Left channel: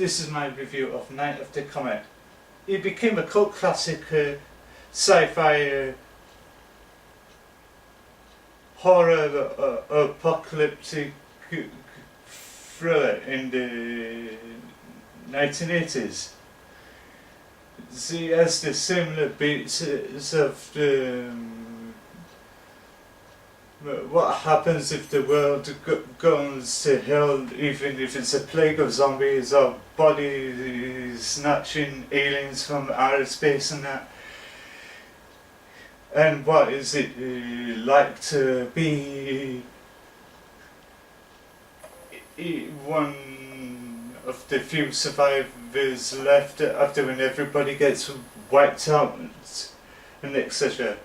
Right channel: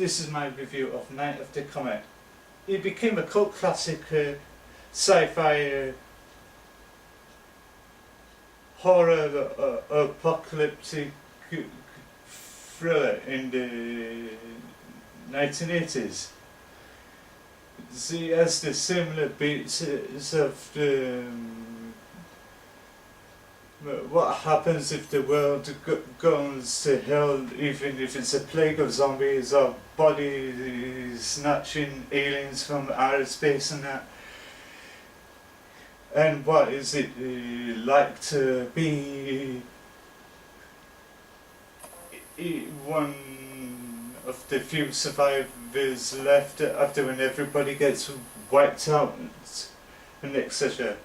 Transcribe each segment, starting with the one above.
this is my review of Night of the Comet. It became a cult classic sci-fi horror apocalyptic thriller in the 1980s. It has the similar beats of the what happens if the world goes to hell, even if it's a plague of zombies or body snatching aliens from outer space and that. And what is it like to be one of the few survivors left after when everybody gets wiped out and etc.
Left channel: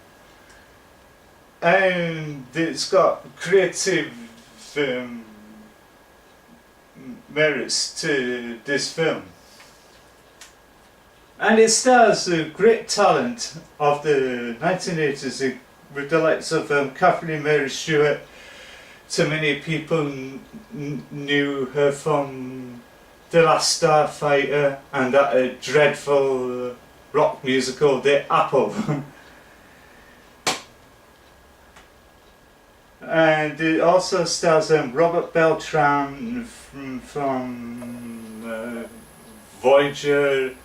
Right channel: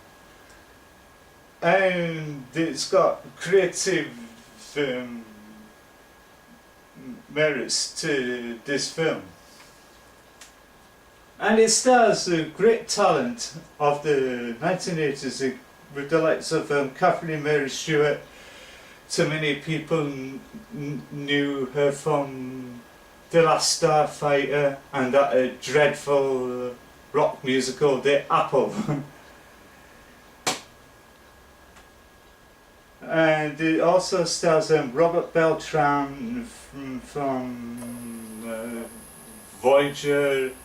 And it's got creative merits to this film. And it stars the great talent of the 1980s with the likes of Catherine Mary Stewart. So many people knew her from The Last Starfighter and that dreadful rock musical, The Apple. And it also stars Robert Beltran from Voyager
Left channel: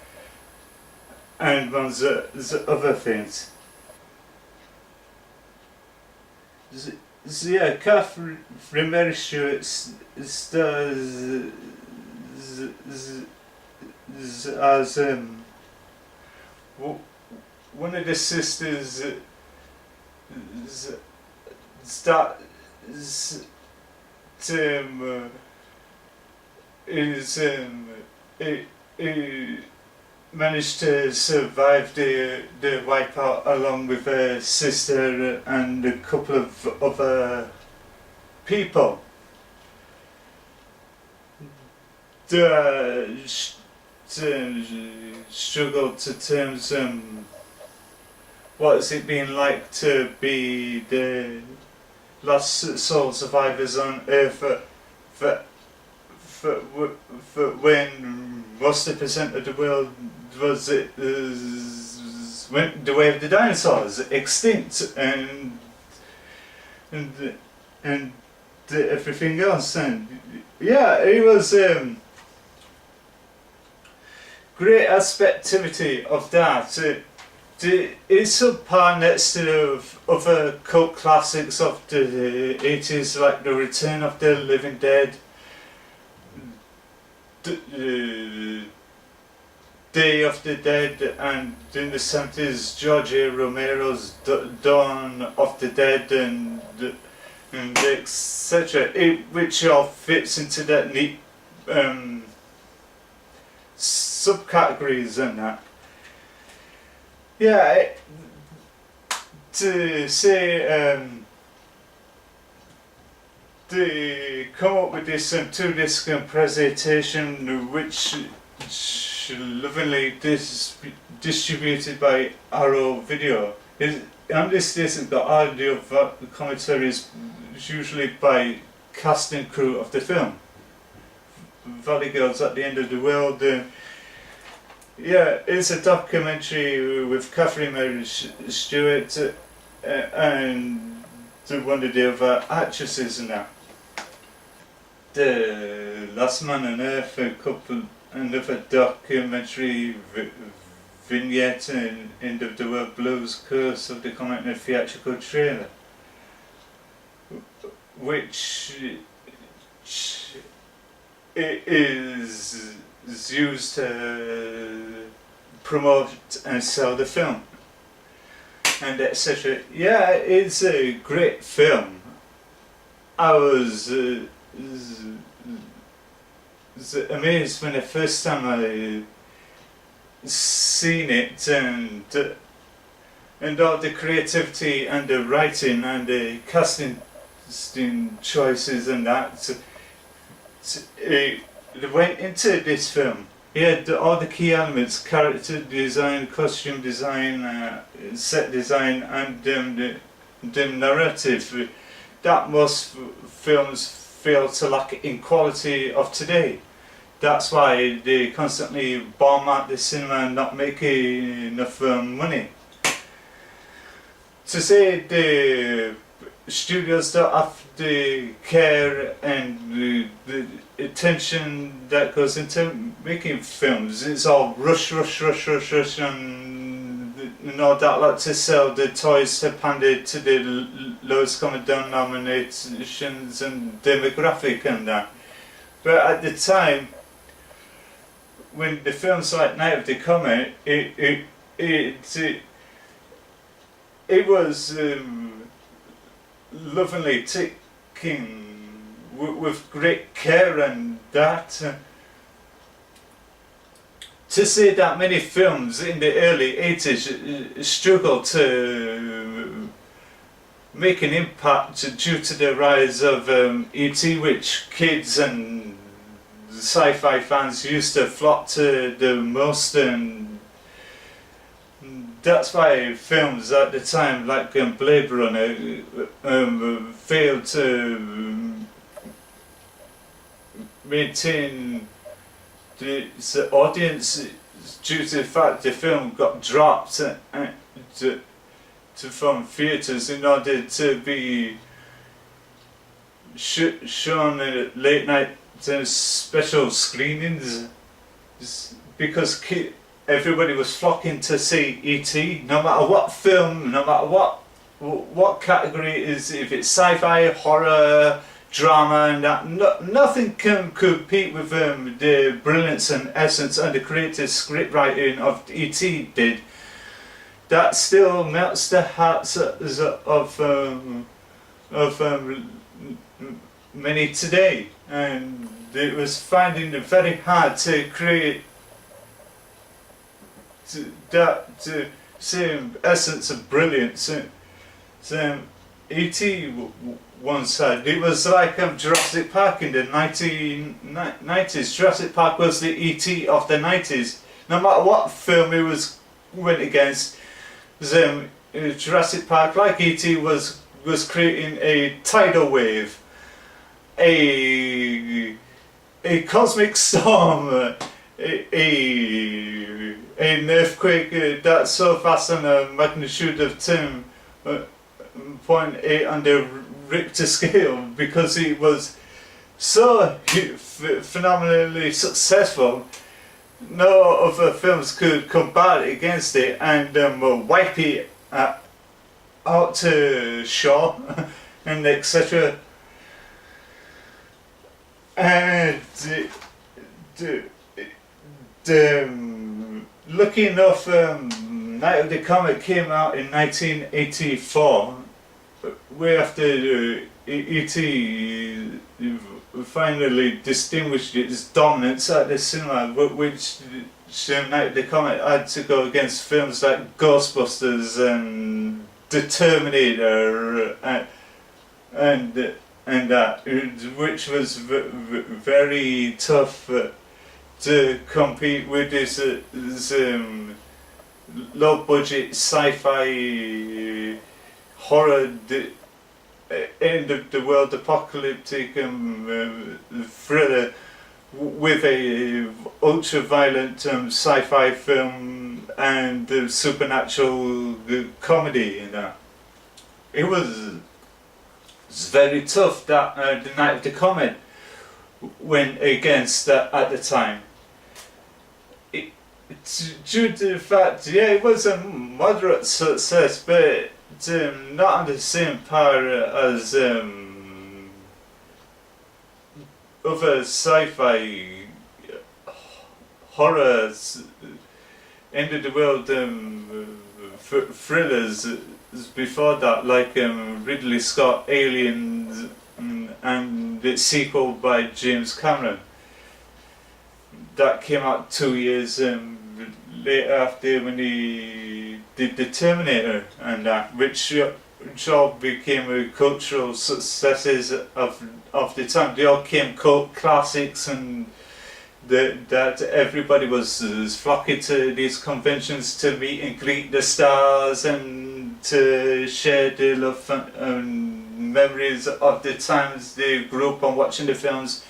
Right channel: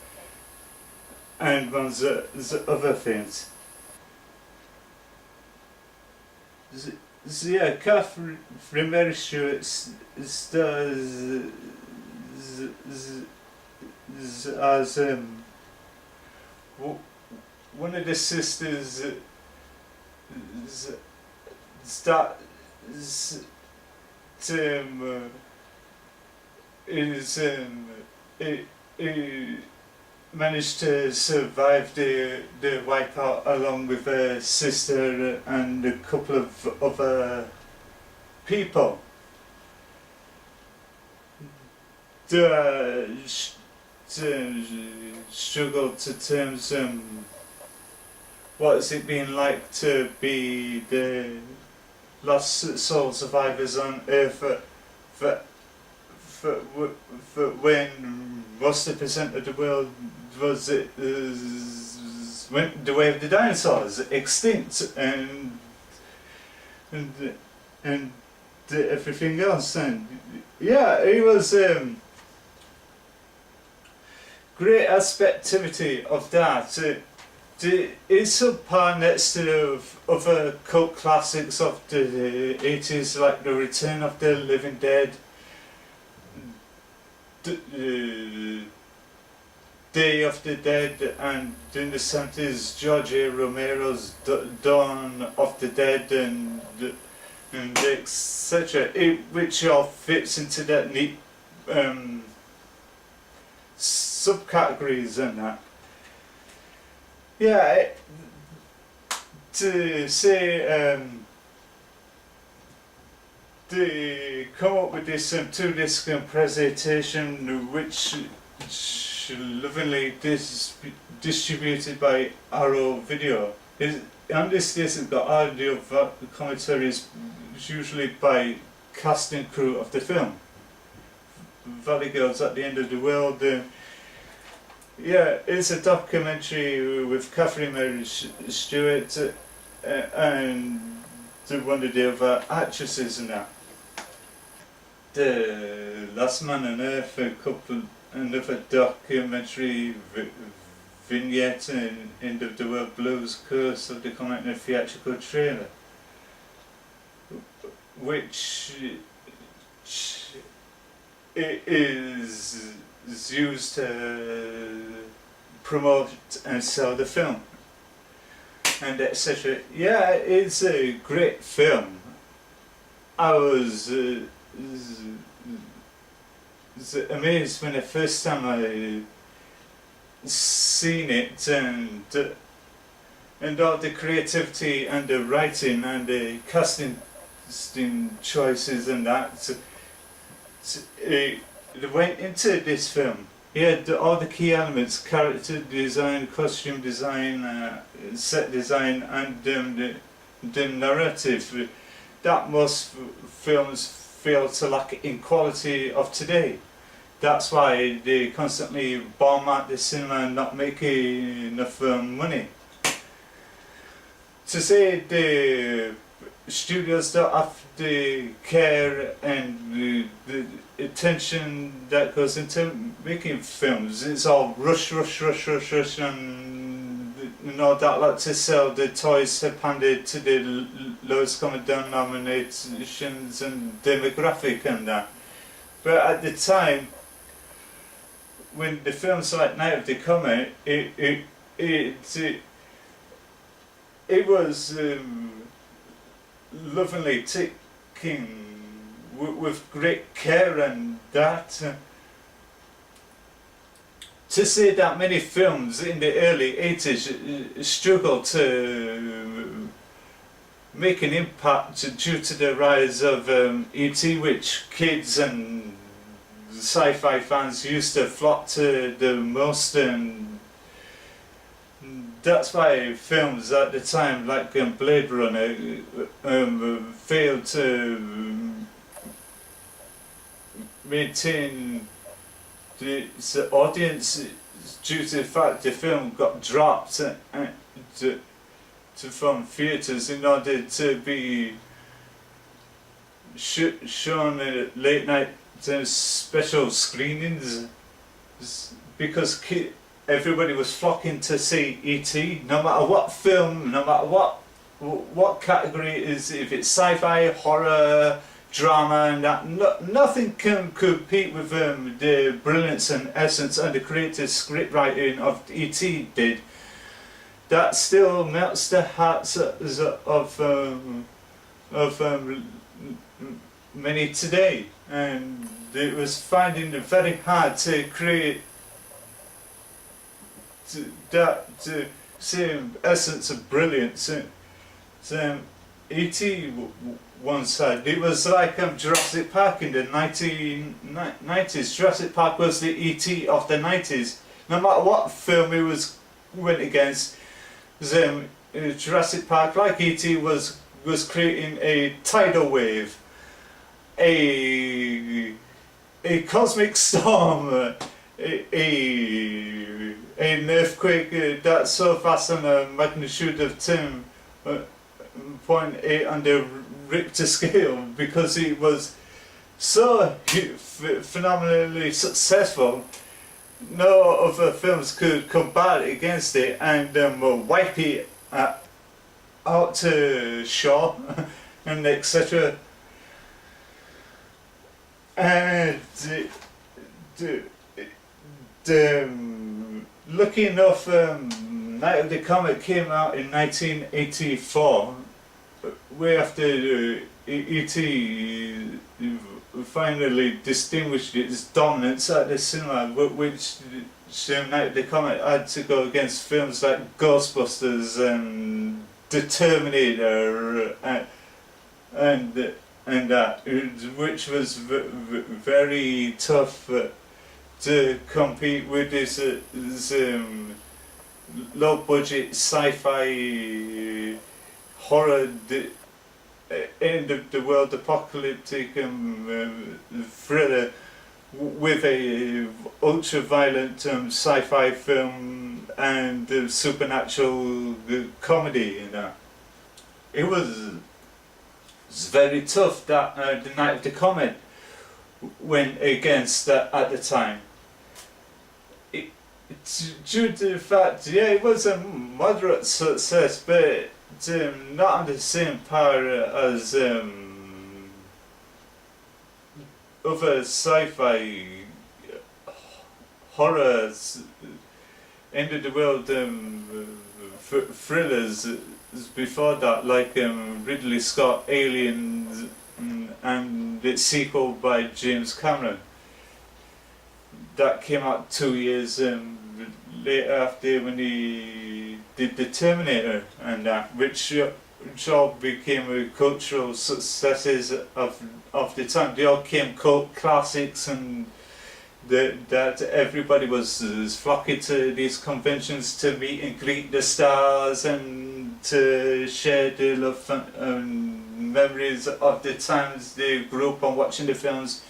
and ones other things. So yeah, Catherine Mary Stewart stars as one of the sisters managed to survive the wipeout along with her sister and a couple of other people. They struggled to terms what is it been like to be the lost soul survivors on Earth for when most of the percent of the world went the way of the dinosaurs, extinct, and everything else. And yeah, it was great aspectivity of that. It's up par next to other cult classics of the 80s, like The Return of the Living Dead, Day of the Dead, and in the 70s George A. Romero's Dawn of the Dead, and etc., which all fits into that neat subcategories and that. Yeah, to say they come up with this 2-disc presentation which lovingly distributed by Arrow Video. On this disc the audio commentaries usually by cast and crew of the film. Valley Girls at the End of the World. Yeah, it's a documentary with Catherine Mary Stewart and one of the other actresses in that. The Last Man on Earth, another documentary vignette in End of the World Blues, Curse of the Comet, and a theatrical trailer, which is used to promote and sell the film and etc. Yeah, it's a great film. I was amazed when the first time I seen it, and all the creativity and the writing and the casting choices and that. They went into this film. He had all the key elements: character design, costume design, set design, and the narrative that most films fail to lack in quality of today. that's why they constantly bomb out the cinema and not making enough money. To say the studios don't have the care and the attention that goes into making films, it's all rush, and all that, like to sell the toys handed to the lowest common denominations and demographic and that. But at the time, when the films like Night of the Comet, it was lovingly taken with great care, and that to say that many films in the early 80s struggled to make an impact due to the rise of E.T., which kids and sci-fi fans used to flock to the most, and that's why films at the time like Blade Runner failed to maintain the audience due to the fact the film got dropped from theatres in order to be shown at late night special screenings, because everybody was flocking to see E.T. no matter what film, no matter what category it is, if it's sci-fi, horror, drama, and that, nothing can compete with the brilliance and essence and the creative script writing of E.T. did. That still melts the hearts of many today, and it was finding it very hard to create that same essence of brilliance. E.T. once had. It was like Jurassic Park in the 1990s. Jurassic Park was the E.T. of the 90s. No matter what film it went against, Jurassic Park, like E.T., was creating a tidal wave, a cosmic storm, an earthquake that's so vast on a magnitude of 10.8 on the Richter scale, because it was so phenomenally successful. No other films could combat against it and wipe it out to shore and etc. And lucky enough, Night of the Comet came out in 1984, way after E.T. finally distinguished its dominance at the cinema, which Night of the Comet had to go against films like Ghostbusters and The Terminator and that, which was very tough to compete with this low budget sci-fi horror end of the world apocalyptic thriller with a ultra violent sci-fi film and supernatural comedy in that. It was very tough that the Night of the Comet went against that at the time. Due to the fact, it was a moderate success, but not on the same par as other sci-fi horrors, end of the world thrillers before that, like Ridley Scott Aliens and its sequel by James Cameron. That came out 2 years later after, when he did The Terminator, and that, which all became cultural successes of the time. They all became cult classics, and that everybody was flocking to these conventions to meet and greet the stars and to share their love and memories of the times they grew up on watching the films.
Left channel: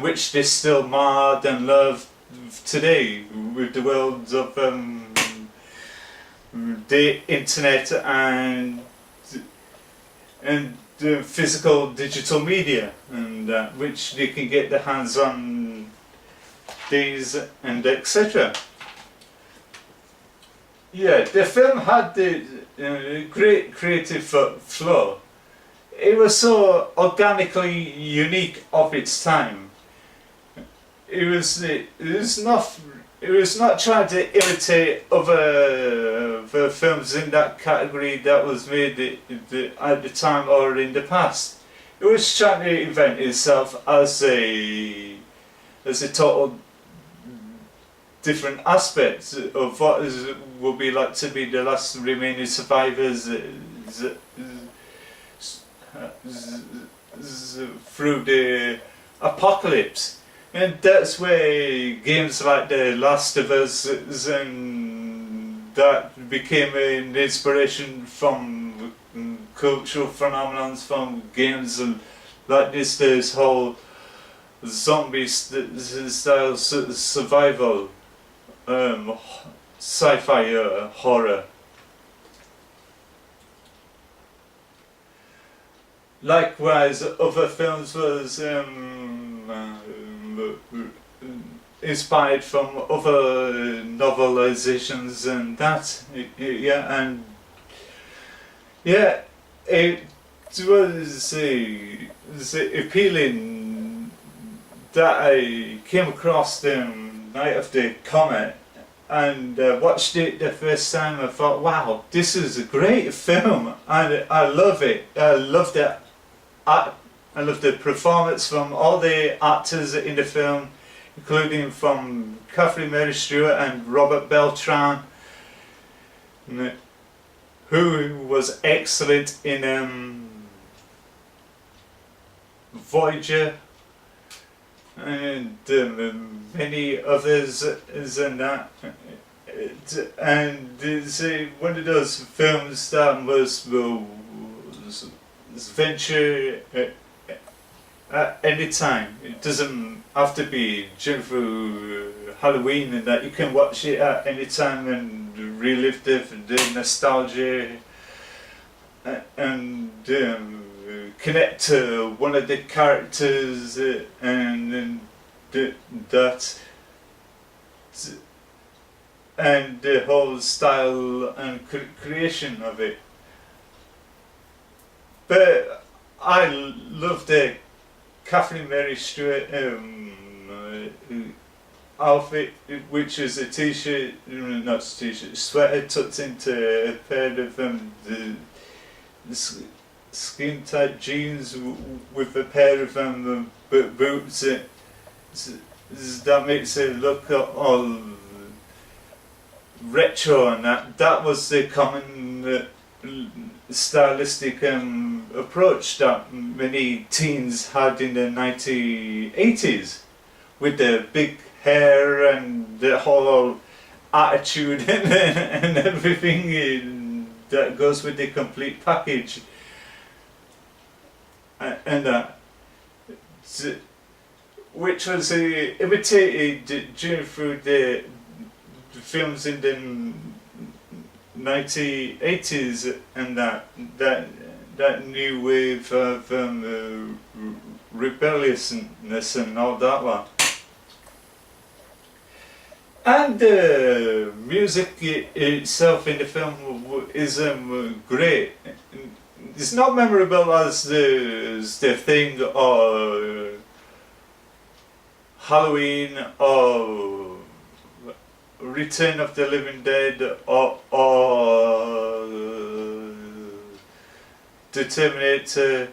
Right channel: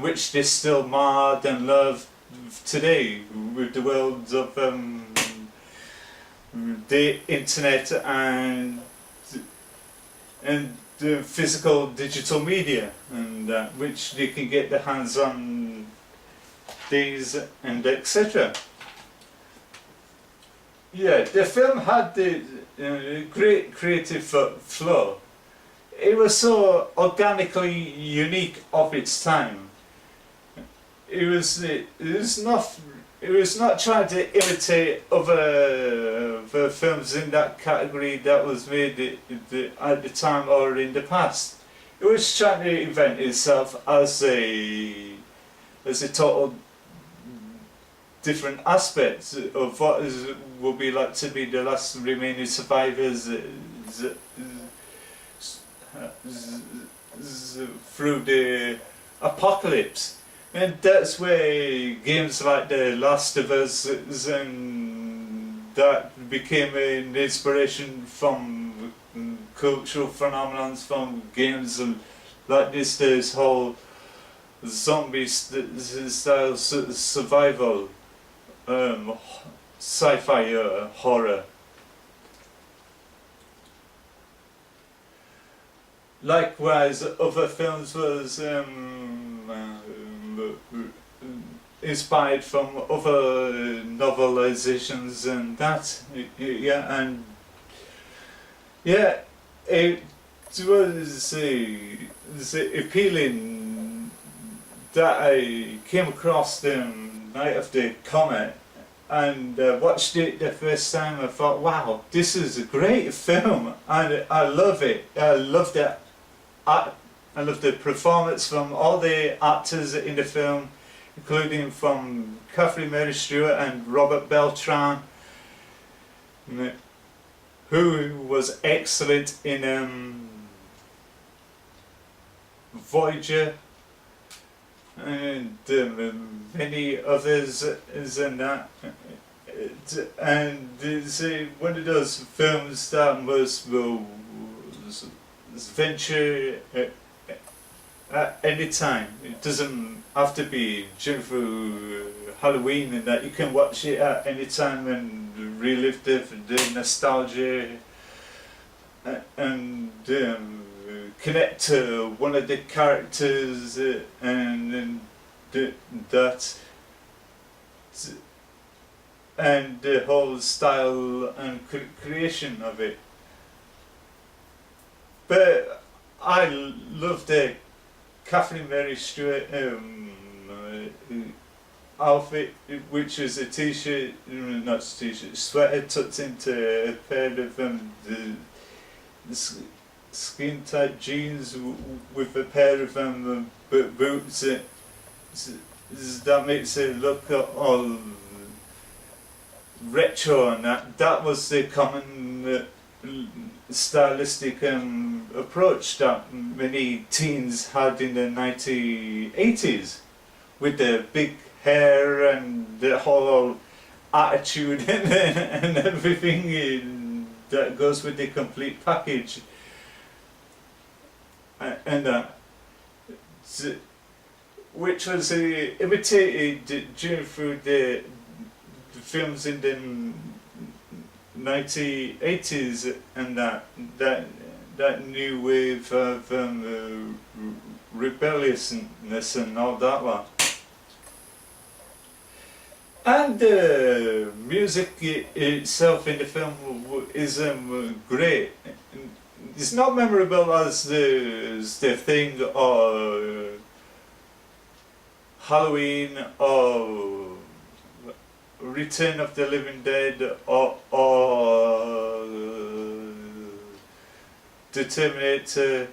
which they still marred and love today with the world of the internet and the physical digital media, and which they can get their hands on these and etc. Yeah, the film had the great creative flow. It was so organically unique of its time. It was not trying to imitate other films in that category that was made at the time or in the past. It was trying to invent itself as a total different aspects of what will be like to be the last remaining survivors through the apocalypse. And that's where games like The Last of Us and that became an inspiration from cultural phenomenons from games like this whole zombie style survival sci-fi horror. Likewise, other films was inspired from other novelizations and that, yeah, and yeah, it was appealing that I came across the Night of the Comet and watched it the first time. I thought, wow, this is a great film, and I love it. I love the art. I love the performance from all the actors in the film, including from Catherine Mary Stewart and Robert Beltran, who was excellent in Voyager, and many others and that. And it's one of those films that was venture at any time. It doesn't have to be during through Halloween, and that you can watch it at any time and relive the nostalgia and connect to one of the characters and that and the whole style and creation of it. But I love the Catherine Mary Stewart outfit, which is a t-shirt, not a t-shirt, sweater tucked into a pair of the skin tight jeans with a pair of boots. That makes it look all retro, and that was the common stylistic approach that many teens had in the 1980s, with the big hair and the whole attitude and everything that goes with the complete package, and that, which was imitated through the films in the 1980s, and that new wave of rebelliousness and all that lot. And the music itself in the film is great. It's not memorable as the Thing or Halloween or Return of the Living Dead or the Terminator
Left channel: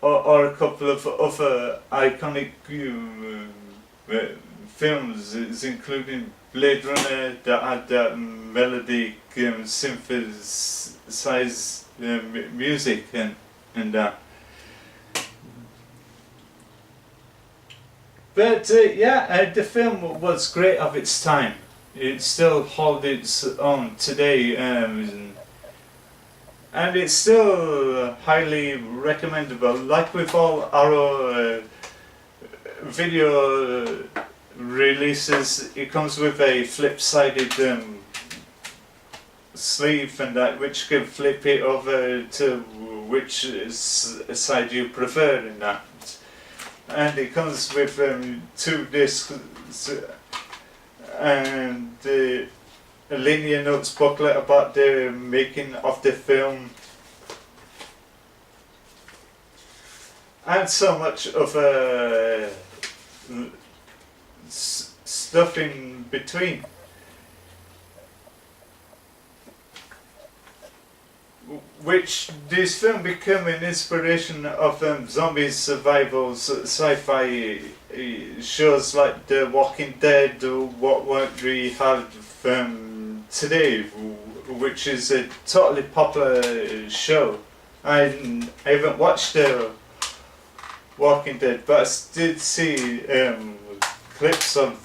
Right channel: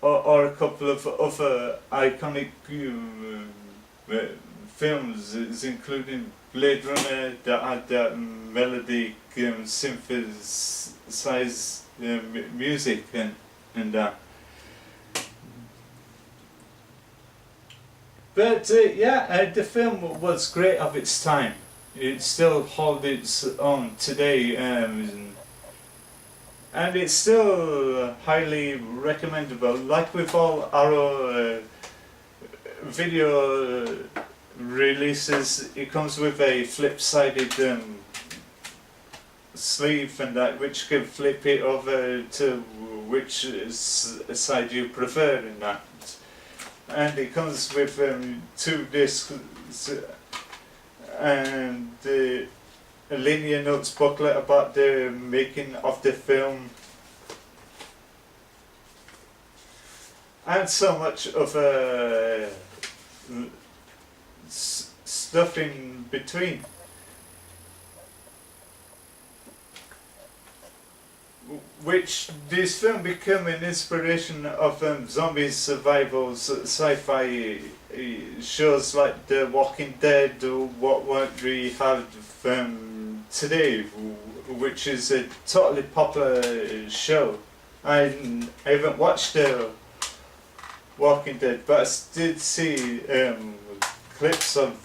or a couple of other iconic films, including Blade Runner, that had that melodic synthesized music and that. But yeah, the film was great of its time. It still holds its own today, and it's still highly recommendable. Like with all our video releases, it comes with a flip-sided sleeve and that, which can flip it over to which side you prefer in that. And it comes with 2 discs and a linear notes booklet about the making of the film, and so much of stuff in between, which this film became an inspiration of zombie survival sci-fi shows like The Walking Dead, or what we have today, which is a totally popular show. I haven't watched The Walking Dead, but I did see clips of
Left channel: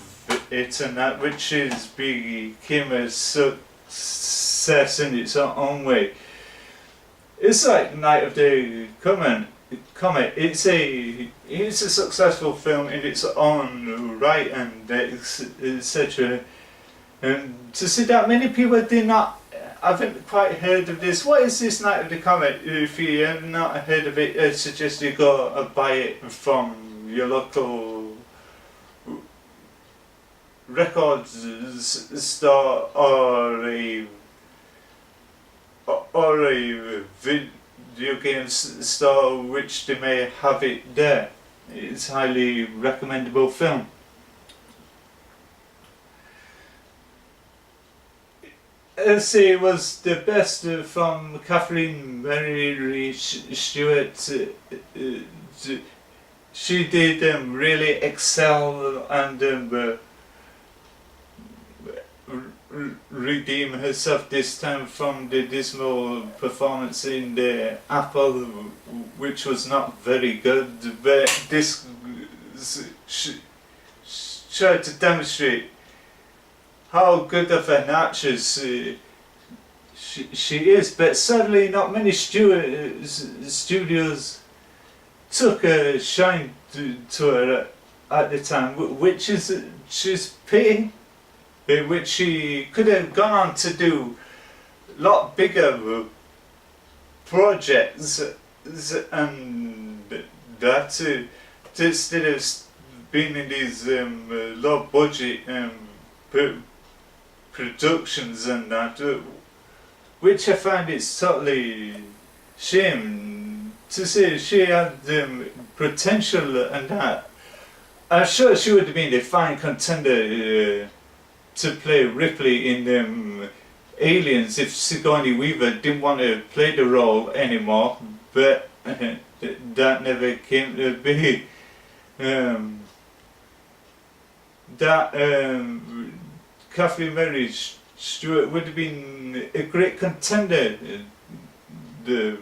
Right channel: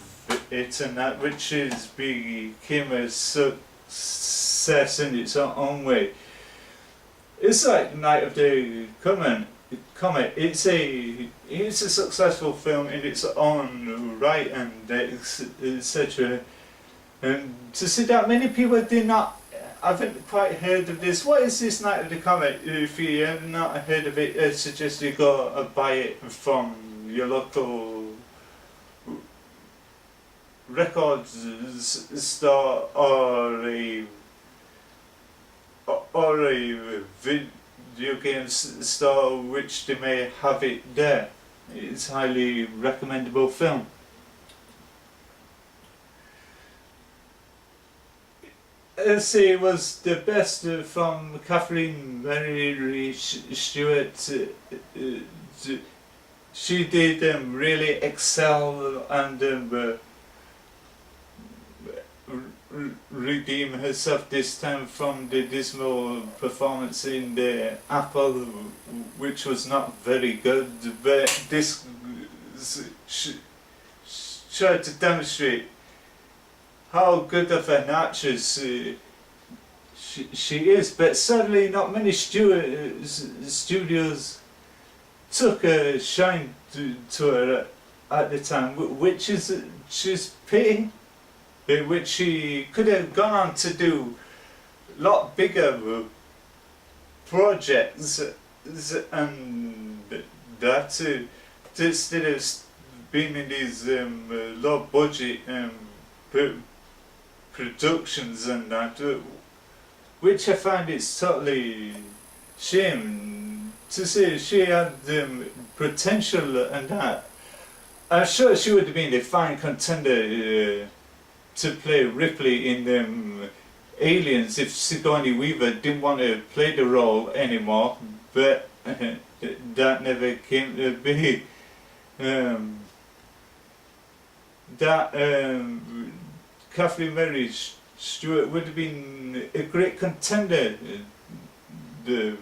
it and that, which became a success in its own way. It's like Night of the Comet. It's a successful film in its own right, and etc. And to see that many people haven't quite heard of this. What is this Night of the Comet? If you have not heard of it, I suggest you go buy it from your local records store or a video game store, which they may have it there. It's a highly recommendable film. Let's see, it was the best from Catherine Mary Stewart. She did really excel and redeem herself this time from the dismal performance in the Apple, which was not very good, but this tried to demonstrate how good of an actress she is. But sadly not many studios took a shine to her at the time, which is she's pity. Which she could have gone on to do a lot bigger projects, and that instead of being in these low budget productions and that, which I find it's totally shame to say. She had potential and that. I'm sure she would have been a fine contender to play Ripley in Aliens if Sigourney Weaver didn't want to play the role anymore, but that never came to be. Catherine Mary Stewart would have been a great contender to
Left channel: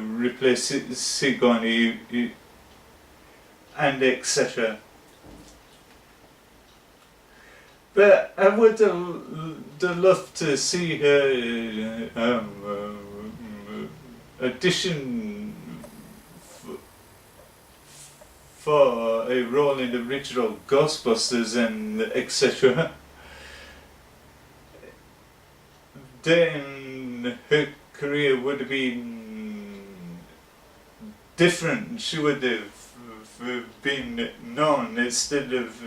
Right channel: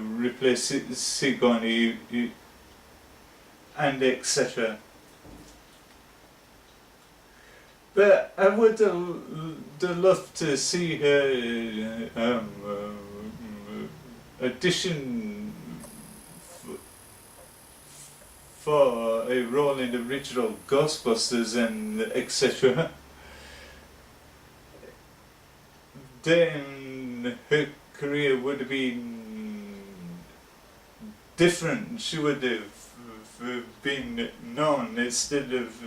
replace Sigourney and etc. But I would love to see her audition for a role in the original Ghostbusters and etc. Then her career would have been different. She would have been known instead of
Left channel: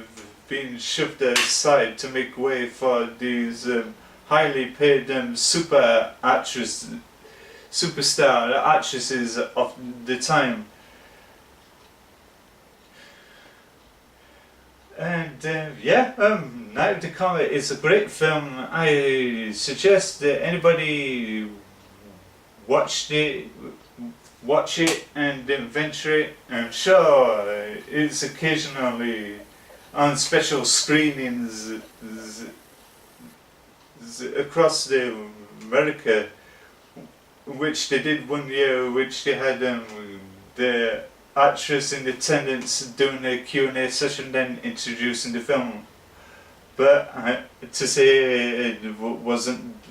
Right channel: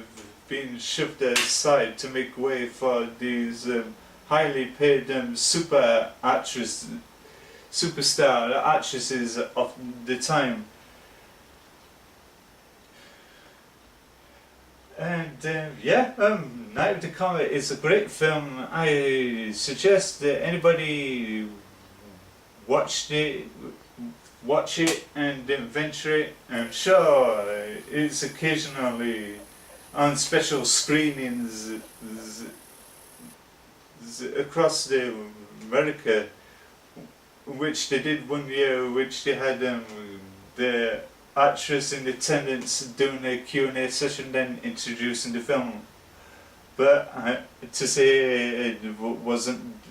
being shoved aside to make way for these highly paid superstar actresses of the time. And Night of the Comet is a great film. I suggest that anybody watch it and venture it. I'm sure it's occasionally on special screenings across America, which they did one year, which they had the actress in attendance doing a Q&A session, then introducing the film. But to say it wasn't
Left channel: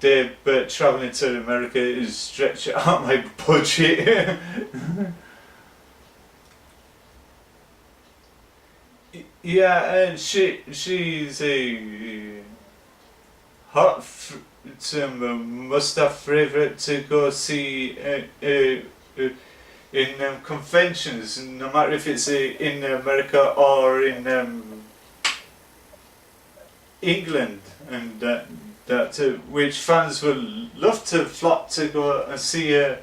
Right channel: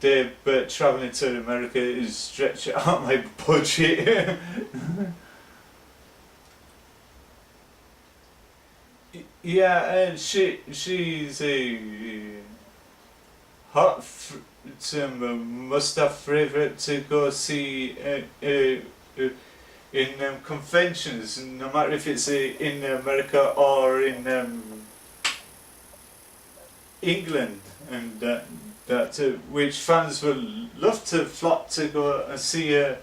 day, but travelling to America is stretching out my budget. Yeah, and she's a hot must-have favourite to go see in conventions, no matter if it's in America or in England, and which fans will love to flock to go and see her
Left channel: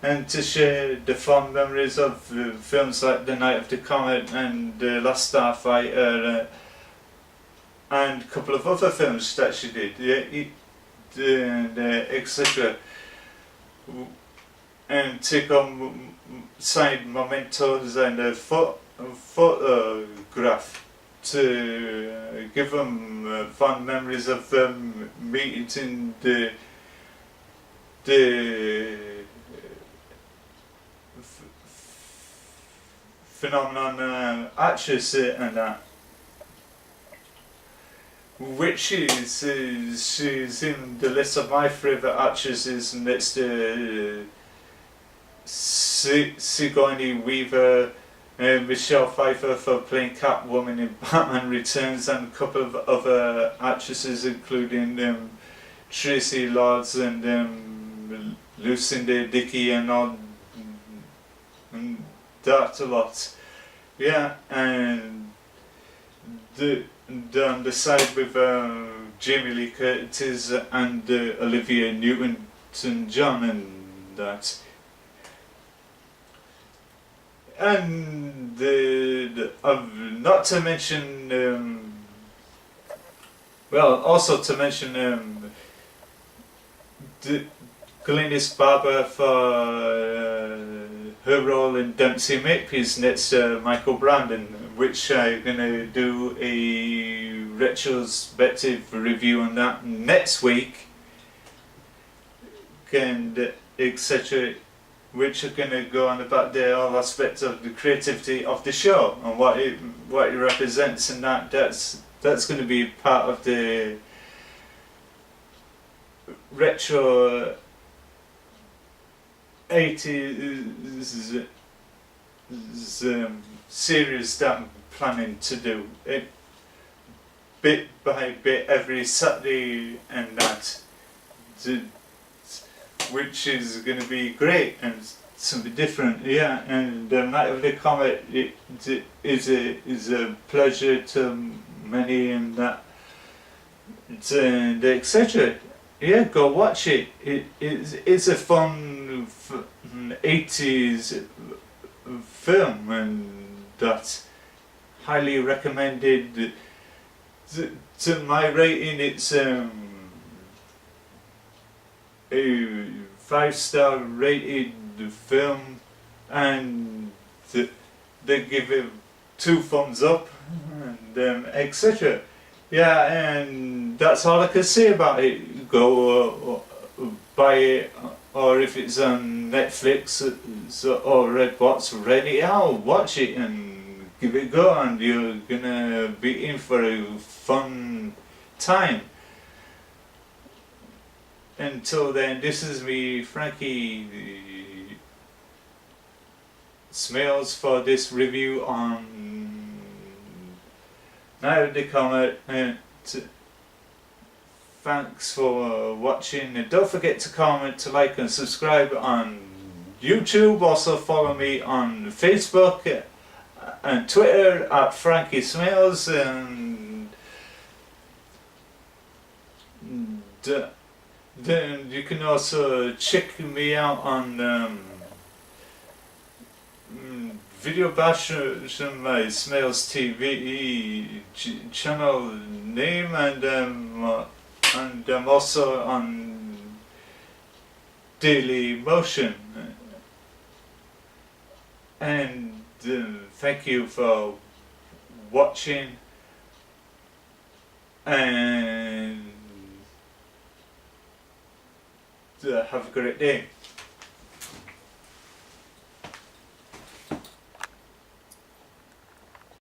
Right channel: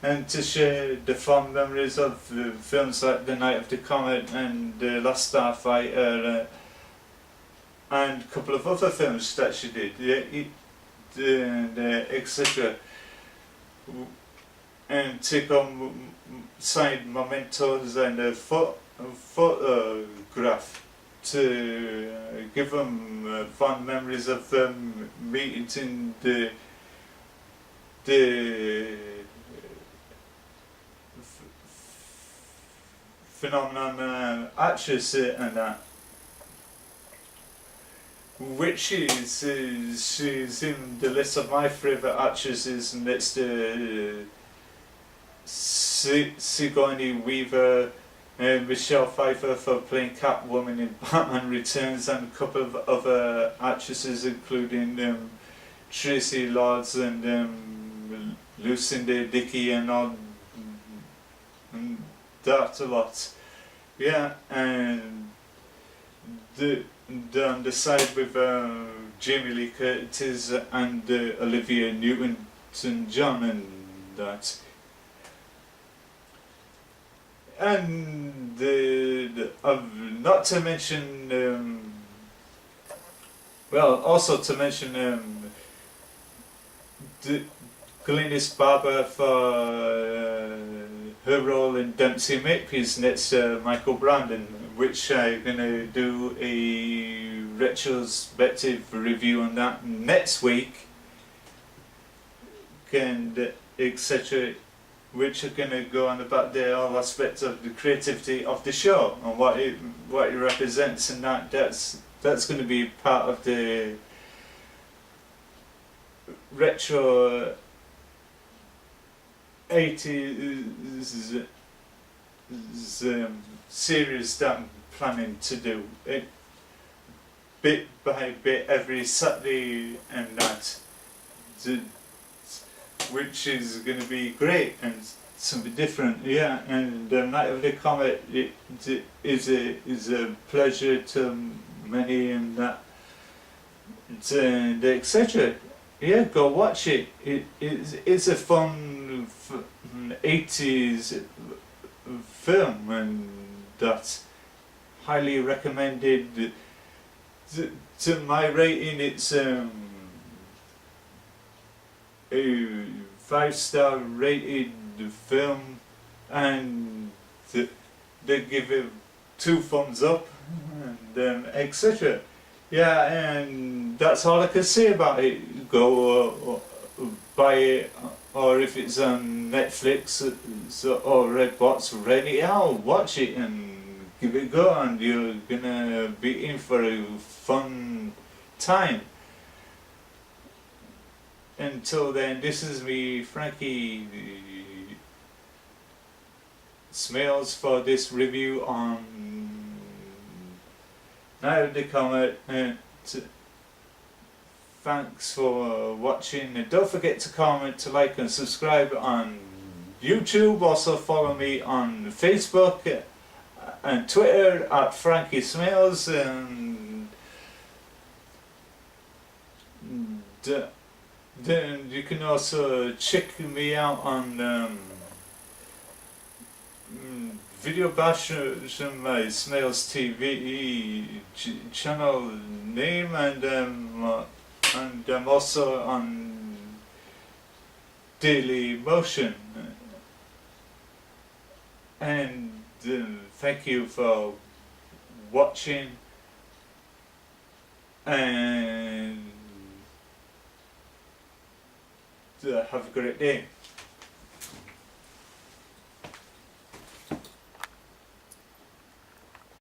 and to share the fond memories of films like The Night of the Comet and Last Starfighter and a couple of other films that she did, and etc. And take on signed mementos and a photograph to give them fond memories of them meeting the phenomenon actress and that, which she's in the list of my favourite actresses next to Sigourney Weaver, Michelle Pfeiffer for playing Catwoman in Batman Returns, and a couple of other actresses including Tracy Lords and Lucinda Dickey and all and that a lot. Yeah, and on the side with Jamie Lee Curtis and Olivia Newton-John and that. And not to mention, well, also to mention Glynis Barber for her role in Dempsey Makepeace next to Michael Brandon, which I'm going to do a retrospective review on that next week, and etc., which are going to go on about the all aspects of the creativity of the show and what it represents, and that's going to be part of the retro 80s series that I'm planning to do it bit by bit every Saturday, and that, which is going to be great and something different. Yeah, and Night of the Comet is a pleasure to many, and that, and etc. Yeah, go watch it. It's a fun 80s film, and that's highly recommended. To my rating, it's a 5-star rated film, and they give it 2 thumbs up, and etc. Yeah, and that's all I can say about it. Go buy it, or if it's on Netflix or Redbox, rent it out, watch it and give it a go, and you're gonna be in for a fun time. Until then, this is me, Frankie Smales, for this review on Night of the Comet. Thanks for watching, and don't forget to comment, to like and subscribe on YouTube. Also follow me on Facebook and Twitter at Frankie Smales, and then you can also check me out on Video Bash, my Smales TV channel name, and I'm also on Daily Motion. And thank you for watching, and have a great day.